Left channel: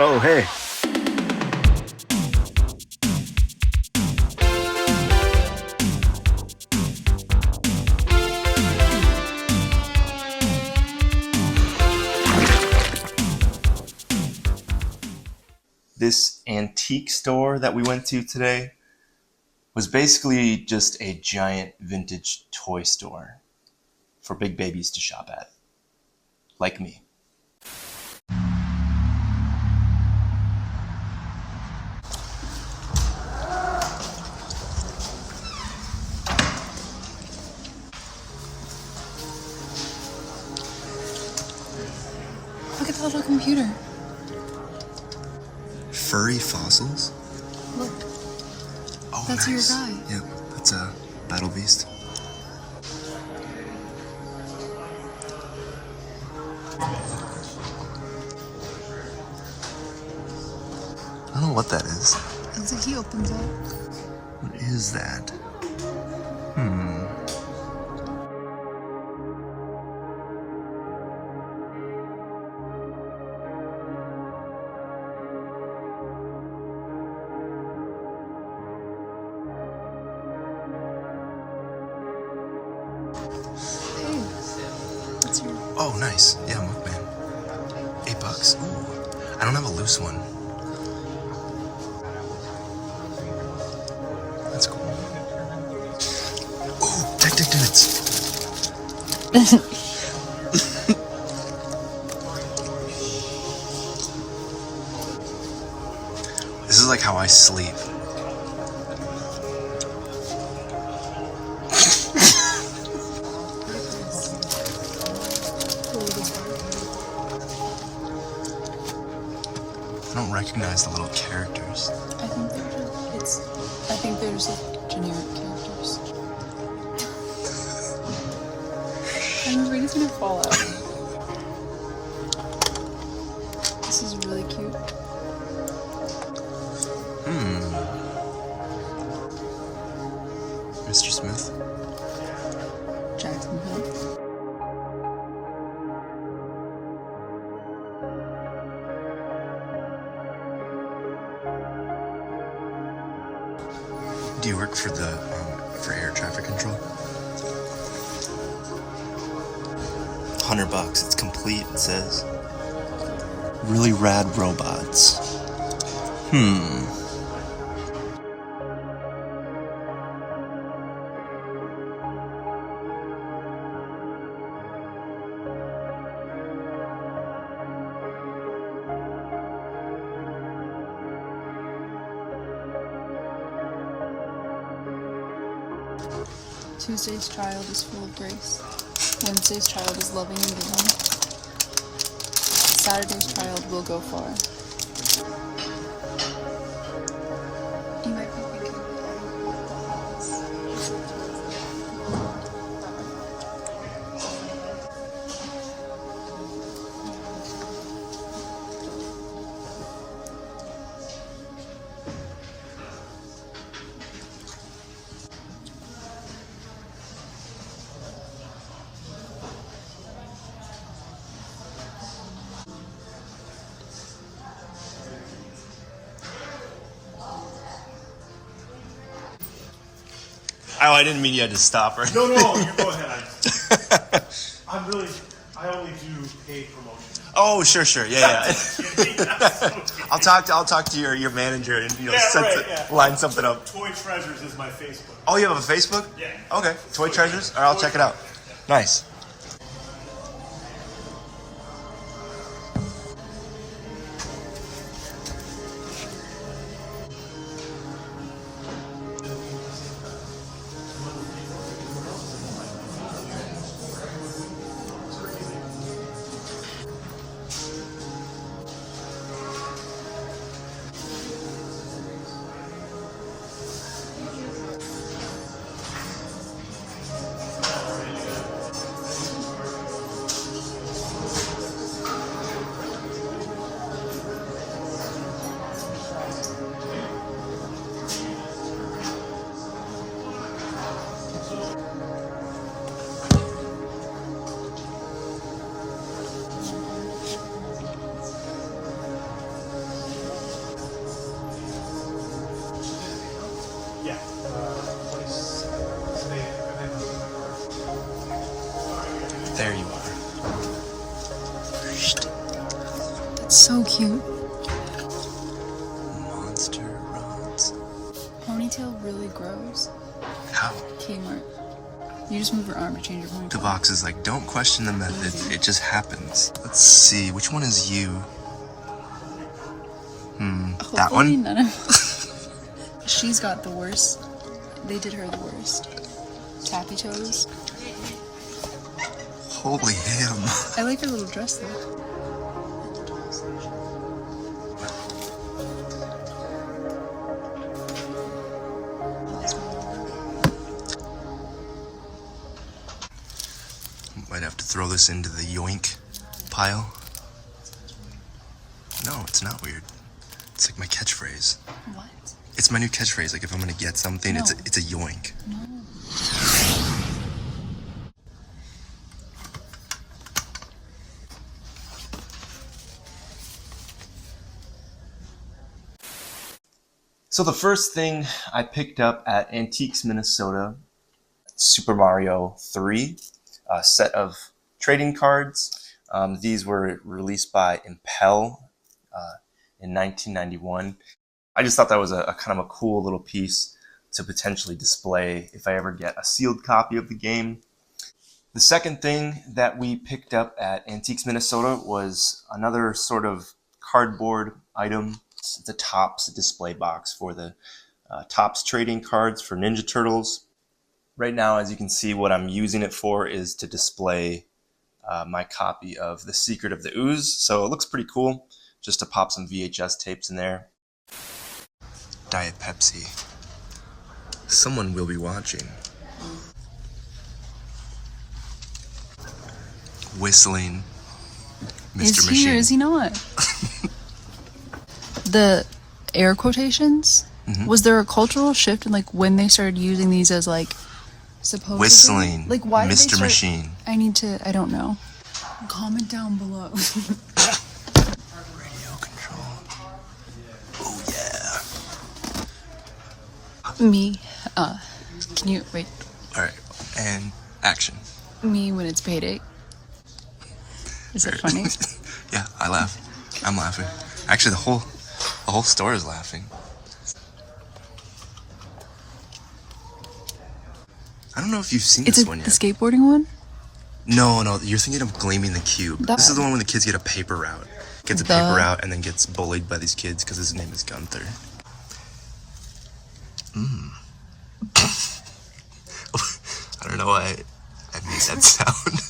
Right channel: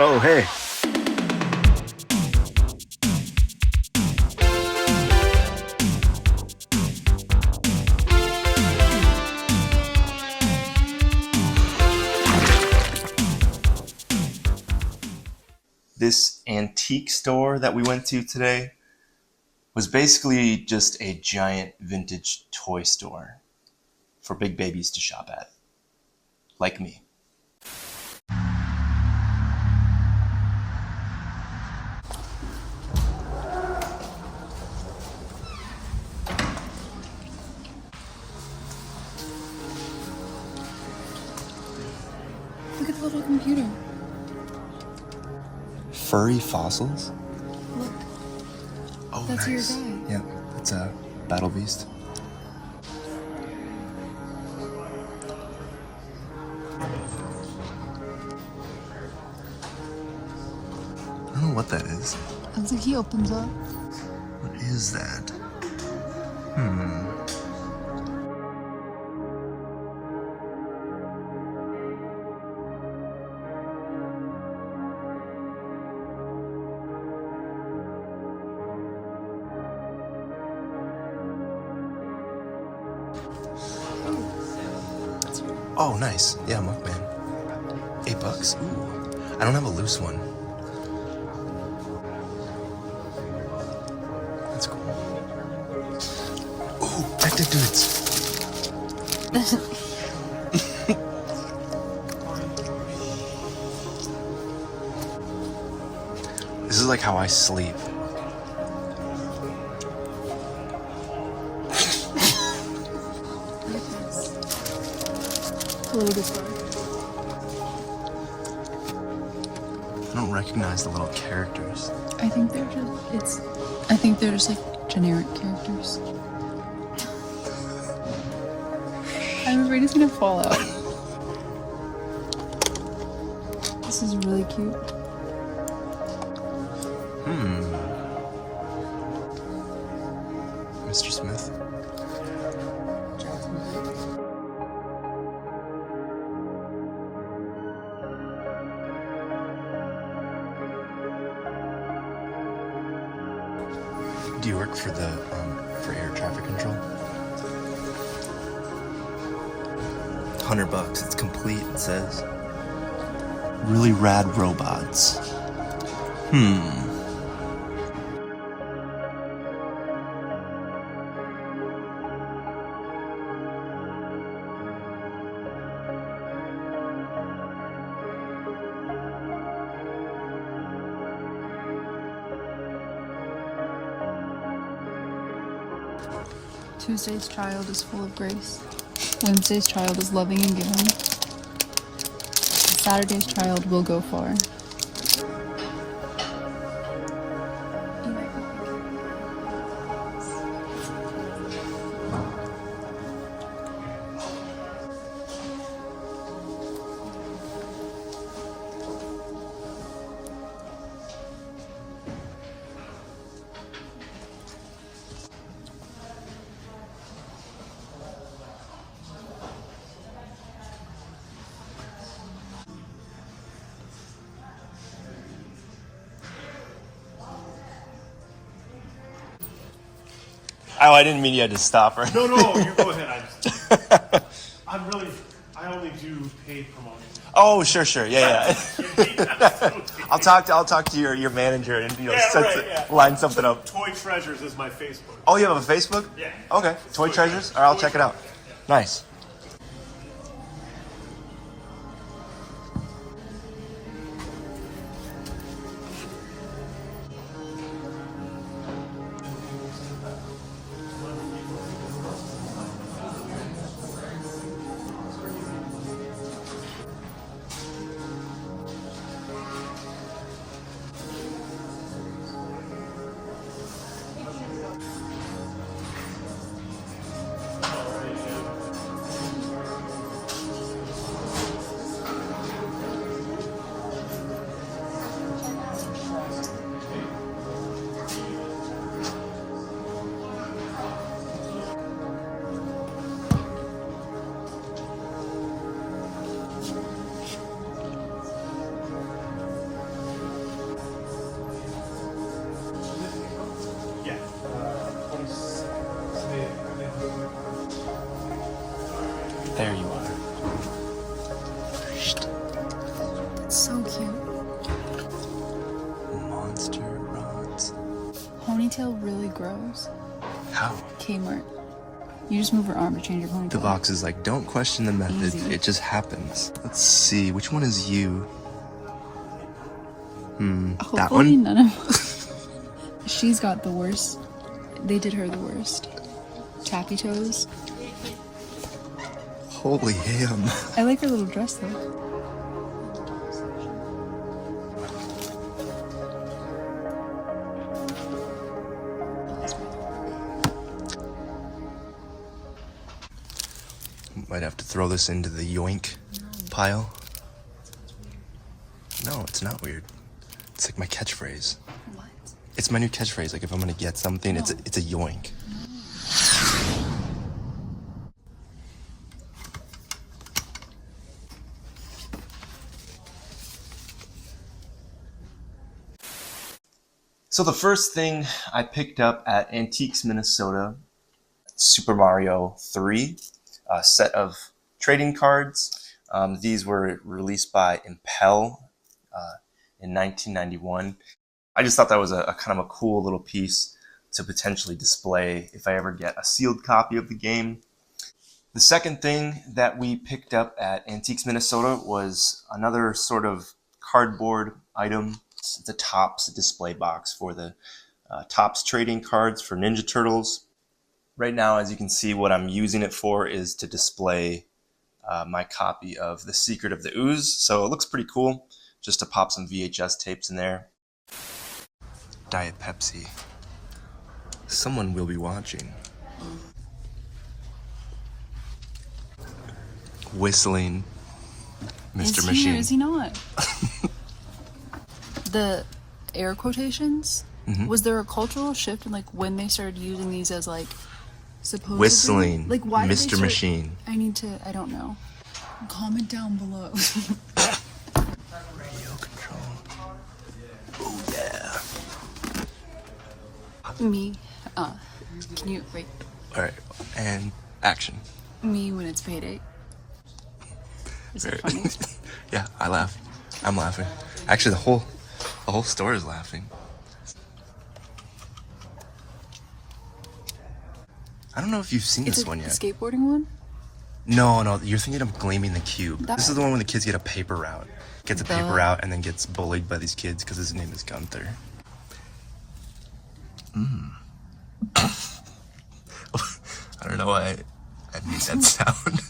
Oh, hey. This antique store that we went to today was basically just a giant vintage toy store for big babies to shop at, like me. Look at the little computer. Furry fossils? Look. Oh, That's nice. your guy. Yep, that's a battle beast. I don't know what that is. Looks like he opens up. What is that? Hey. That's your... Oh, nice. Yeah, Muckman. $8. Ooh. I don't have a loose one. That's cool. Ooh, Tech Dudes. This is like how I sleep. Look at this. Look at this one. I don't recognize the little characters. I think they're just like generic characters. I'm afraid it's gonna fall out. This is really cute. Mr. Smith. Jacksonville. Do you work for the for air traffic control? $100. It's complete. It says. Really rad robots. Tuesday's child is full of grace. Wednesday's child is loving and giving. Saturday's child will go far. You might be thinking. Oh, I didn't mean you had to stop, right? No, you go ahead. I only do paid promotion. Oh, sure. Yeah. I'll talk to your manager and line something up. Toy Treasures is my Facebook. Oh, you have a Facebook? Yeah. Okay. Toy Treasures? All right, I'll check it out. Nice. So cute. Monster rods. Ponytail really grows. How? Kmart. You just move your arm to change your ponytail. The box is like, don't question the method. Easy. It just happens. Let's see, which one is you? That Hopefully one? none of She's got the worst. They did her the worst. Tappy toes. Holy ham. I like her little dress though. Might have to throw this into the yoink pile. No, it's not weird. It's like my catchphrase. What? It's my new catchphrase. Like if I'm gonna get something, No. it's a yoink. So the first thing I picked up at Antiques, Minnesota, Super Mario 3, a set of trading cards. These were released by Impel in 1991. I just thought that was a kind of a cool little piece to potentially display if I ever get a sealed copy of the game. The second thing that we picked up at Antiques, Minnesota was another sort of cardboard item. It's a Topps display box for the Topps trading cards for Ninja Turtles. Right now, as you can see, what I'm using it for is to display my copy of The Secret of the Ooze. So it looks pretty cool, just to pop some VHS tapes in there. Diet Pepsi. Someone will be watching. Whistling Mr. Is he Machine. or is he not? The air quotations. Was there a cultural shift in like when they started using these as like supposedly Whistling like why did they Mr. start- Machine. I don't know. Comment down below. Radio control. Oh yeah. Me. Can you wait? All right, and action. Me when it's payday. Is it funny? Yeah, I laugh. I'm laughing. Actually, the whole store is laughing. I don't know if you've seen It's this the one yet. skateboarding one? No, you're thinking of Gleaming the Cube. That- This is the one when the kids get a paper route. Gets a The- paper route and then gets bullied by these kids because his name is Gunther. I don't know why I made that sound.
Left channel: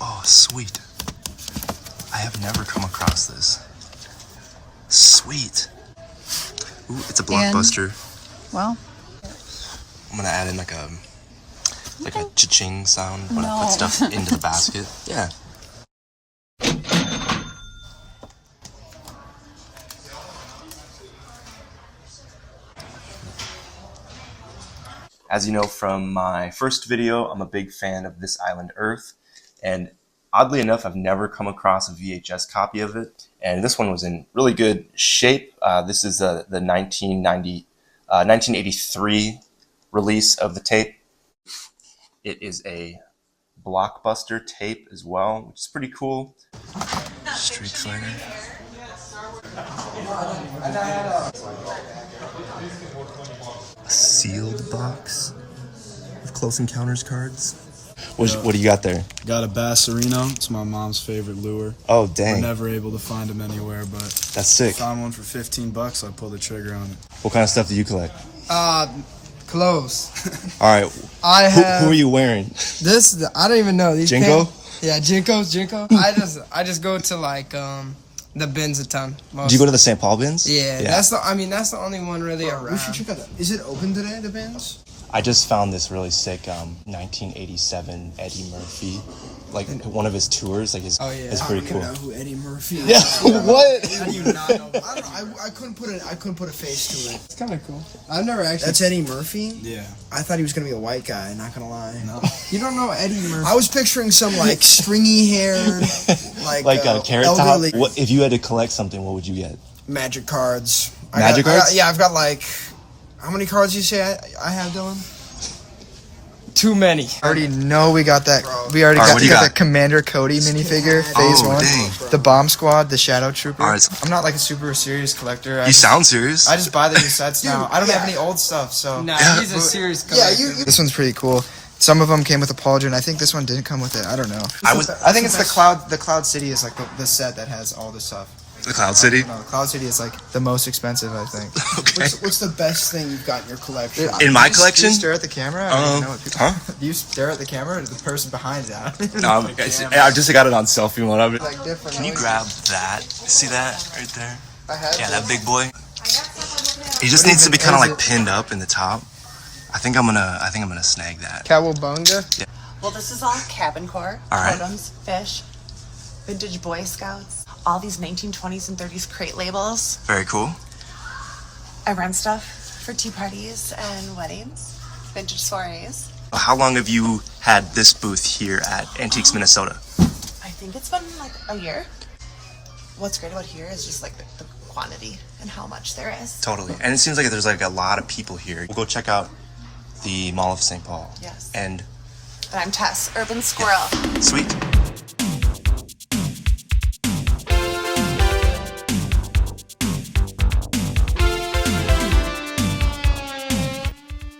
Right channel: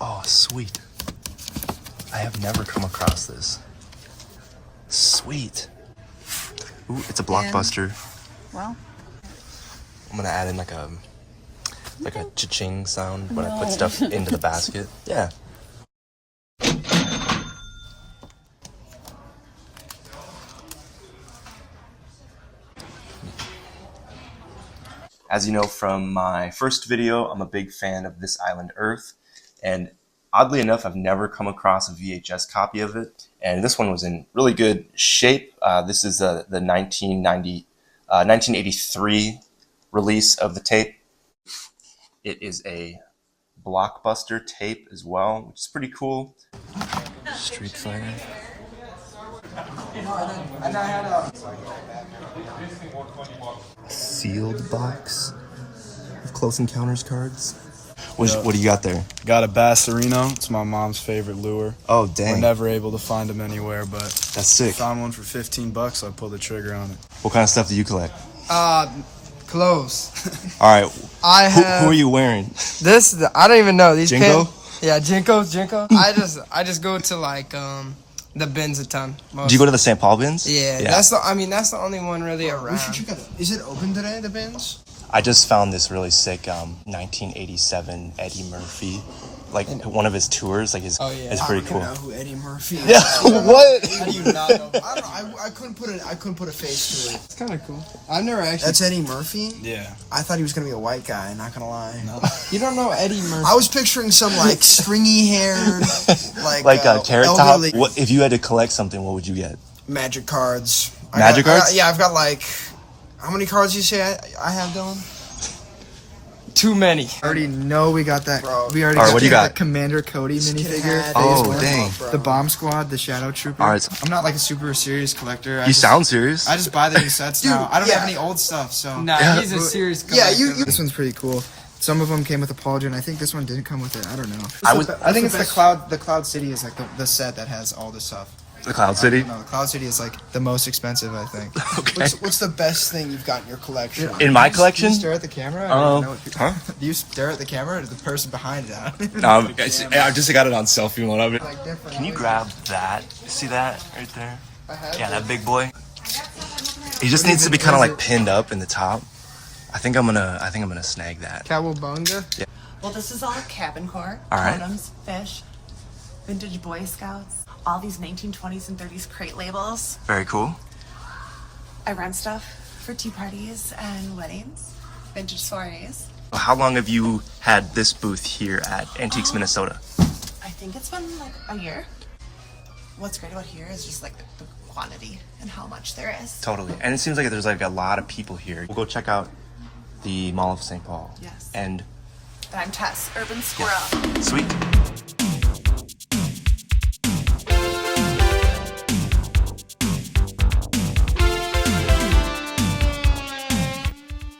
Oh, sweet. I have never come across this. Sweet. Ooh, it's a blockbuster. Wow. I'm gonna add in like a cha-ching sound when I put stuff into the basket. Yeah. As you know from my first video, I'm a big fan of This Island Earth, and oddly enough, I've never come across a VHS copy of it, and this one was in really good shape. This is the 1983 release of the tape. It is a blockbuster tape as well, which is pretty cool. Street Fighter. A sealed box of Close Encounters cards. What do you got there? Got a Bassarino. It's my mom's favorite lure. Oh, We're dang. never able to find them anywhere, but That's sick. found one for $15. I pulled the trigger on it. What kind of stuff do you collect? Clothes. All right. I have Who are you wearing? this. I don't even know these. Jinko? Yeah, Jinko. I just go to like the bins a ton. Do you go to the St. Paul bins? Yeah, that's the only one really around. We should check it out. Is it open today, the bins? I just found this really sick 1987 Eddie Murphy, like one of his tours. Like his, Oh, yeah. it's pretty cool. I don't know who Eddie Murphy is. Yeah, what? How do you not know? I don't know. I couldn't put a face to it. It's kind of cool. I've never actually. That's Eddie Murphy? Yeah. I thought he was gonna be a white guy, not gonna lie. No. You don't know Eddie Murphy. I was picturing some like stringy haired, like a carrot elderly top. What, if you had to collect something, what would you get? magic cards. Magic cards? Yeah, I've got like How many cards you say I have, Dylan? Too many. I already know we got that. We already All right, got, what do you the got? Commander Cody minifigure. Phase Oh, 1. dang. The Bomb Squad, the Shadow Trooper. All right. I'm not like a super serious collector. You sound serious. I just buy the new sets now. I don't have any old stuff, so. Nah, Yeah. he's a serious collector. This one's pretty cool. Some of them came with a pauldron. I think this one didn't come with it. I don't know. I think it's the Cloud. The Cloud City is like the set that has all this stuff. the Cloud City. No, Cloud City is like the most expensive, I think. Okay. What's the best thing you've got in your collection? In my Do collection? you stare at the camera? I don't know. Huh? Do you stare at the camera or the person behind you? I just got it on selfie one of it. Like different Can you items. grab that? See that right there? I have Yeah, that those. big boy. He just needs to be kind of like pinned up in the top. I think I'm gonna snag that. Cowabunga. Well, this is all cabin core, All right. totems, fish, vintage Boy Scouts, all these 1920s and 30s crate labels. Very cool. I run stuff for tea parties and weddings, vintage soirees. How long have you had this booth here at Antiques Minnesota? I think it's been like a year. What's great about here is just like the quantity and how much there is. Totally. And it seems like there's like a lot of people here. We'll go check out the Mall of St. Paul. Yes. And And I'm Tess, Urban Squirrel. sweet.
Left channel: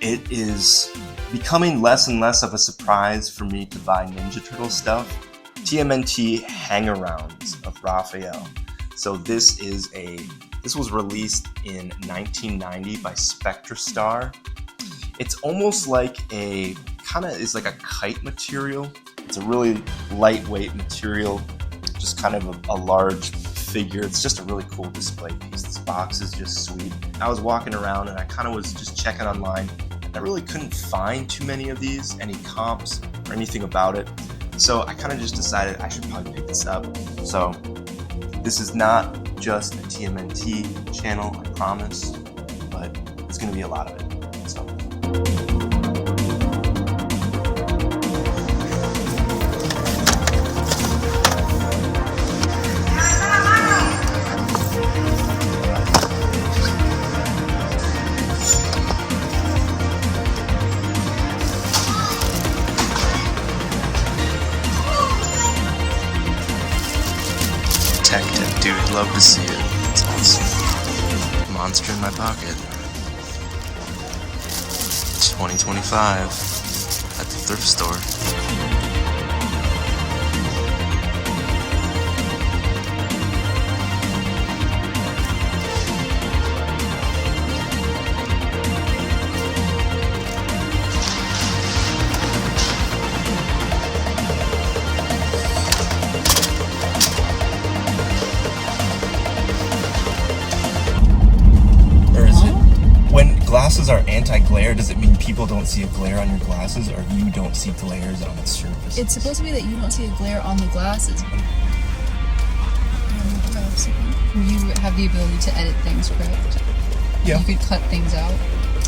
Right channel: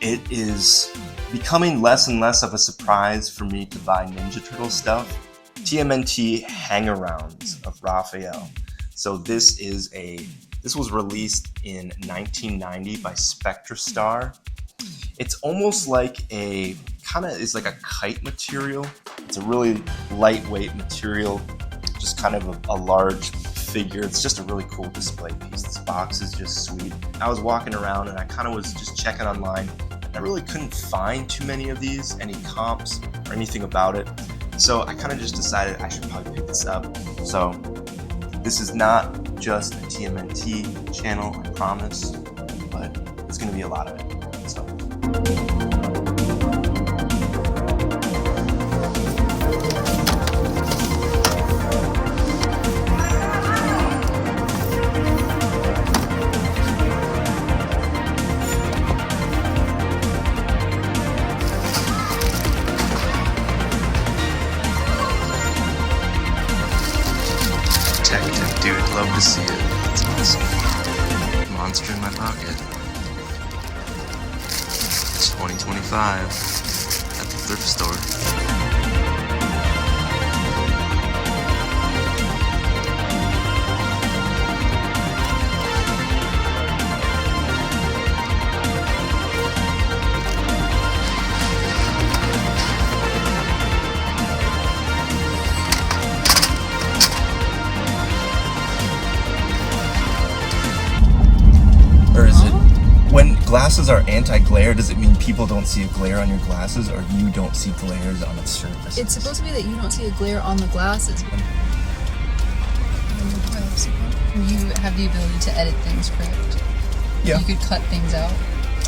It is becoming less and less of a surprise for me to buy Ninja Turtle stuff. TMNT Hangarounds of Raphael. So this was released in 1990 by Spectrastar. It's almost like is like a kite material. It's a really lightweight material, just kind of a large figure. It's just a really cool display piece. This box is just sweet. I was walking around and I kind of was just checking online. I really couldn't find too many of these, any comps or anything about it. So I kind of just decided I should probably pick this up. So this is not just a TMNT channel, I promise, but there's going to be a lot of it. So. Tech, dude, love to see it. It's awesome. Monster in my pocket. 2025 at the thrift store. Or is it when glasses are anti-glare, does it mean people don't see a glare on your glasses or you don't see glares on its surface? It's supposed to be that you don't see a glare on the glasses. You have the ability to edit things, correct? Yeah. You could cut things out.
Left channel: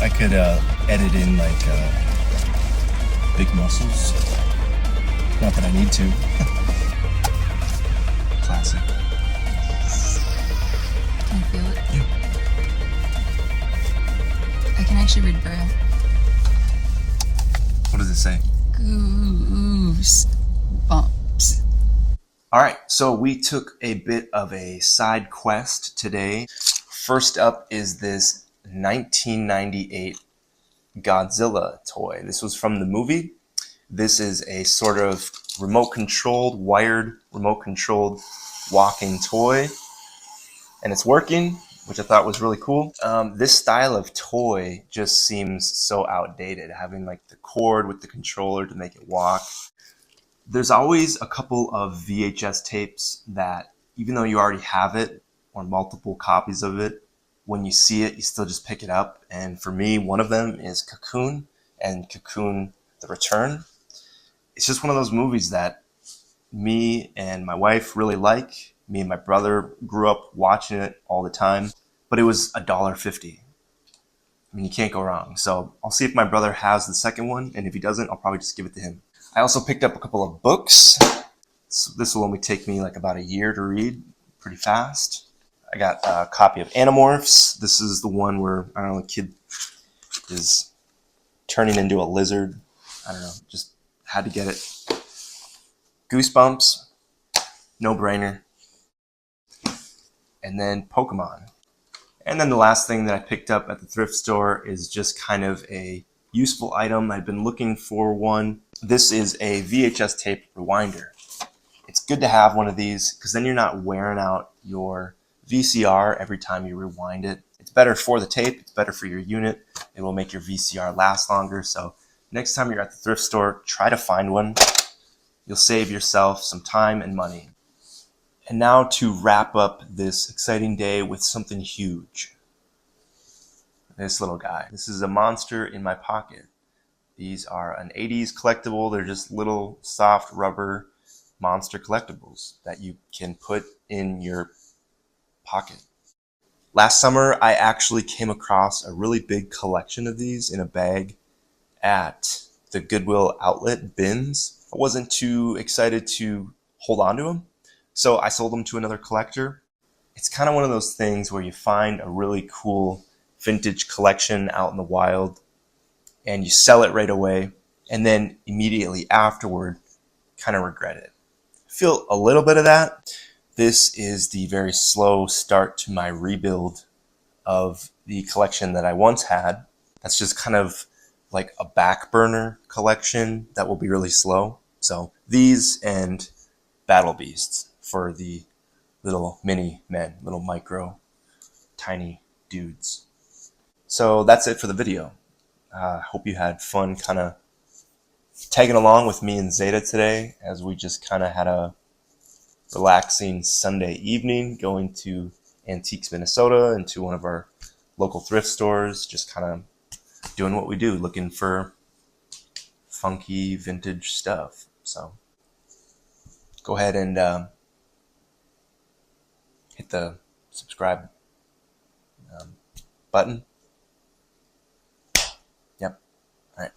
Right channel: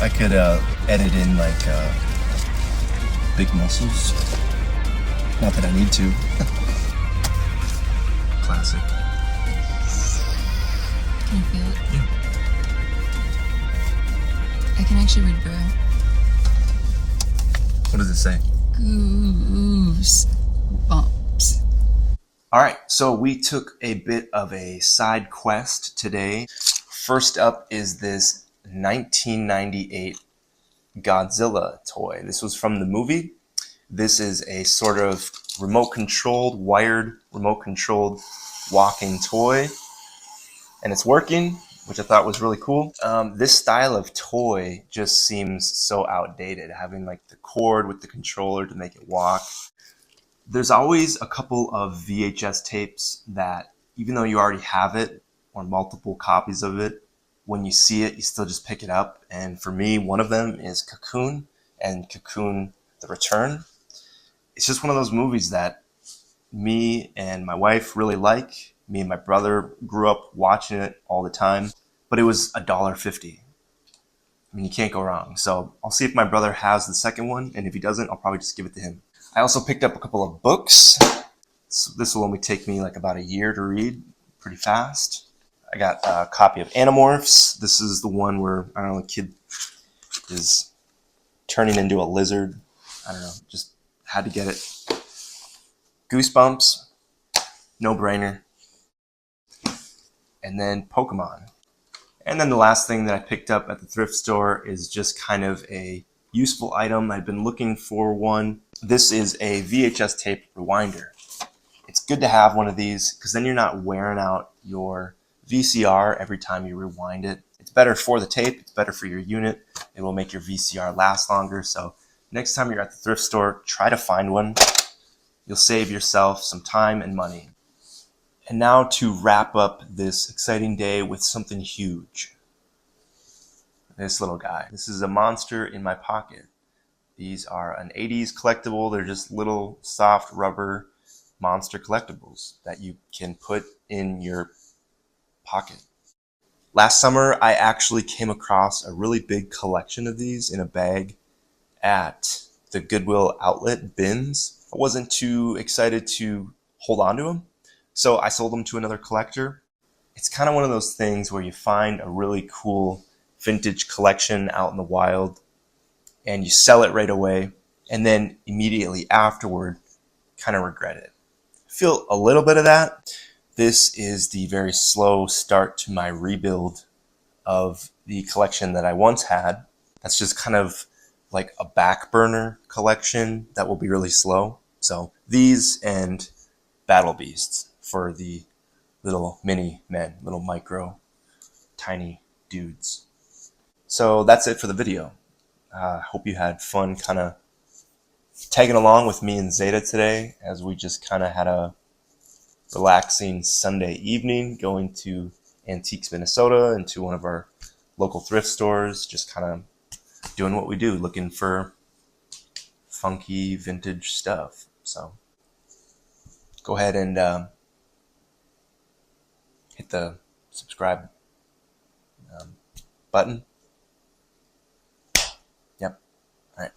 I could edit in like big muscles. Not that I need to. Classic. Can you feel it? Yeah. I can actually read Braille. What does it say? Goose bumps. All right, so we took a bit of a side quest today. First up is this 1998 Godzilla toy. This was from the movie. This is a sort of wired remote-controlled walking toy. And it's working, which I thought was really cool. This style of toy just seems so outdated, having like the cord with the controller to make it walk. There's always a couple of VHS tapes that, even though you already have it, or multiple copies of it, when you see it, you still just pick it up. And for me, one of them is Cocoon and Cocoon The Return. It's just one of those movies that me and my wife really like. Me and my brother grew up watching it all the time, but it was $1.50. I mean, you can't go wrong. So I'll see if my brother has the second one, and if he doesn't, I'll probably just give it to him. I also picked up a couple of books. So this will only take me like about a year to read, pretty fast. I got a copy of Animorphs. This is the one where, I don't know, the kid is turning into a lizard. I don't know, just had to get it. Goosebumps, no brainer. And then Pokemon. And then the last thing that I picked up at the thrift store is just kind of a useful item. I've been looking for one. This is a VHS tape rewinder. It's good to have one of these because then you're not wearing out your VCR every time you rewind it. It's better for the tape. It's better for your unit. It will make your VCR last longer. So next time you're at the thrift store, try to find one. You'll save yourself some time and money. And now to wrap up this exciting day with something huge. This little guy. This is a monster in my pocket. These are an 80s collectible. They're just little soft rubber monster collectibles that you can put in your pocket. Last summer, I actually came across a really big collection of these in a bag at the Goodwill outlet bins. I wasn't too excited to hold on to them, so I sold them to another collector. It's kind of one of those things where you find a really cool vintage collection out in the wild and you sell it right away, and then immediately afterward kind of regret it. I feel a little bit of that. This is the very slow start to my rebuild of the collection that I once had. That's just kind of like a back burner collection that will be really slow. So these and Battle Beasts for the little mini men, little micro, tiny dudes. So that's it for the video. Hope you had fun kind of tagging along with me and Zayda today as we just kind of had a relaxing Sunday evening going to Antiques, Minnesota, and to one of our local thrift stores, just kind of doing what we do, looking for funky vintage stuff. So go ahead and hit the subscribe button. Yep. All right.